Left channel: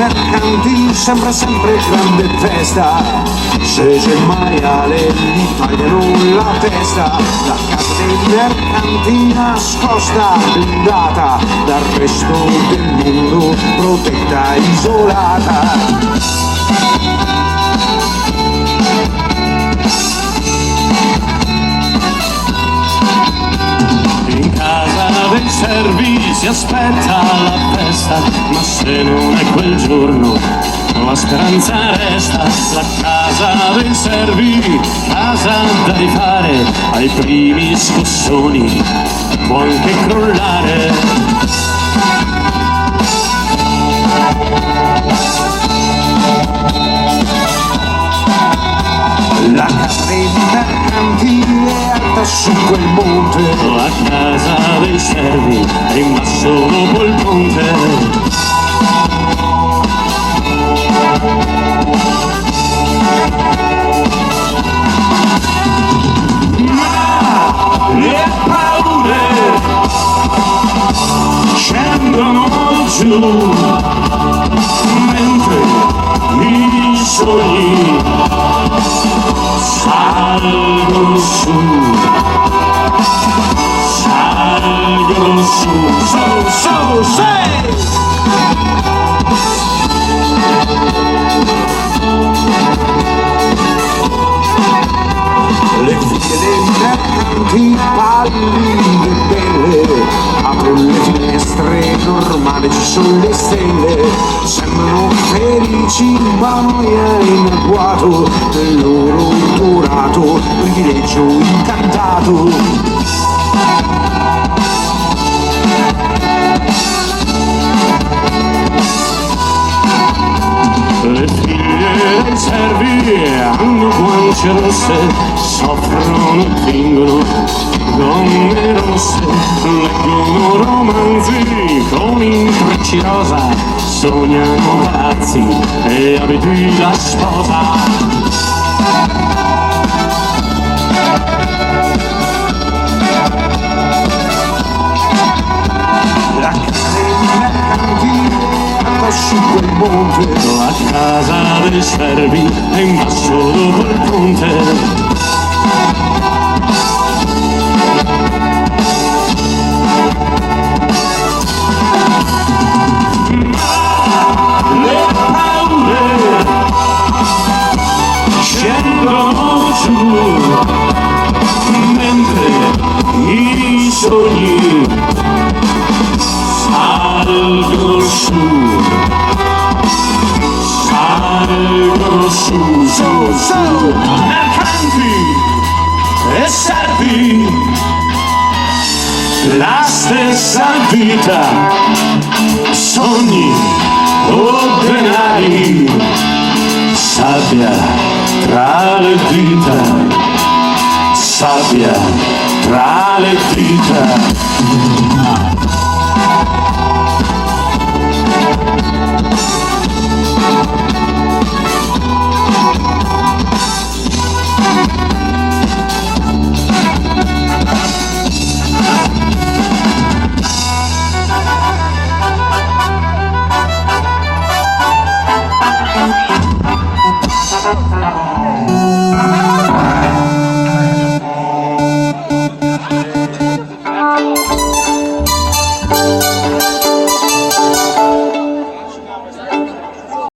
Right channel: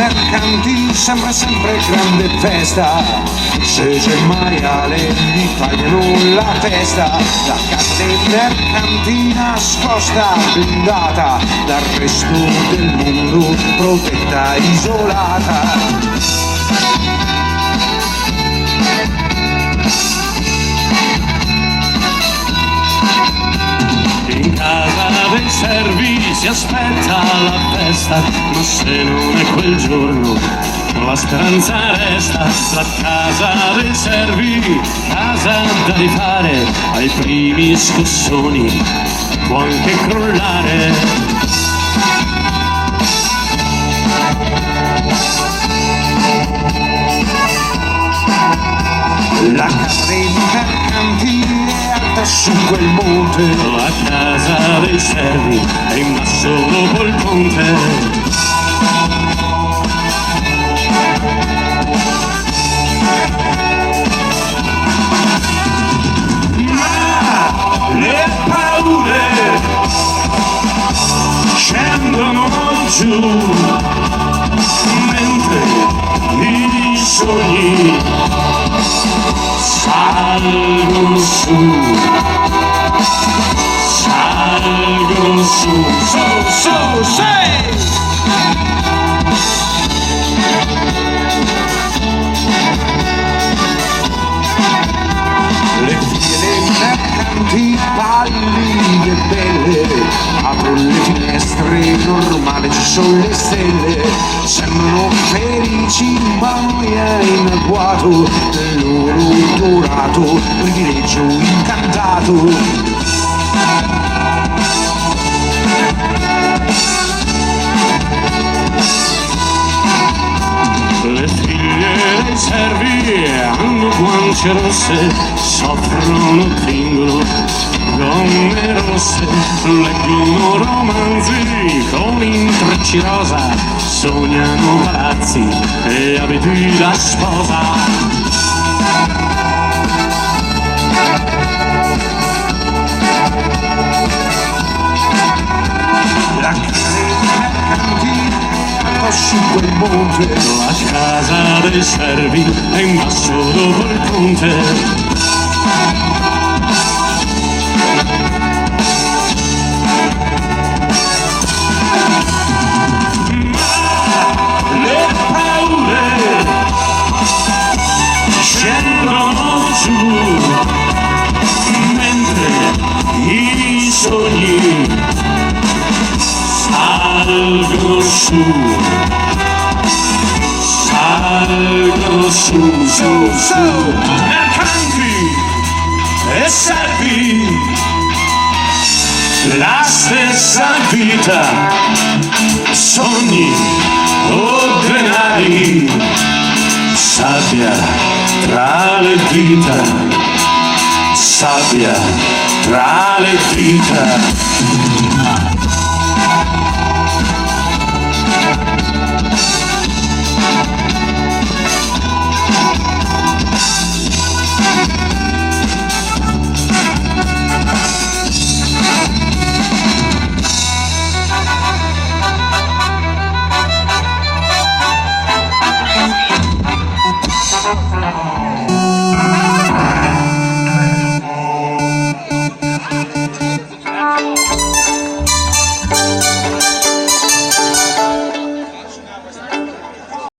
Mercanti sembra sempre grande festa, se c'è il maiale gli tagliano la testa. La casa dei mercanti nascosta, blindata dal resto del mondo, protetta, isolata. Del Servi si aspetta la festa, ma se non è quel giorno la speranza resta. La casa del Servi, casa da rifare, ai primi scossoni può anche crollare. La casa dei mercanti è alta su quel monte, la casa del Servi è in basso dopo il ponte. Ma le paure scendono giù, mentre i sogni salgono su. Salgono su, su, sei! Le figlie dei mercanti pallide belle, apro le finestre, normale ci sono le stelle, sembrano felici ma noi è in agguato del loro dorato privilegio incantato. Le figlie dei Servi hanno guance rosse, soffrono, fingono donne rosse, leggono romanzi con intrecci rosa, sognano palazzi e abiti da sposa. La casa del Servi è in basso dopo il ponte. Le paure scendono giù, mentre i sogni salgono su. Su, su, su, mercanti e servi, la stessa vita, sogni o denari, sabbia tra le dita, sabbia tra le dita.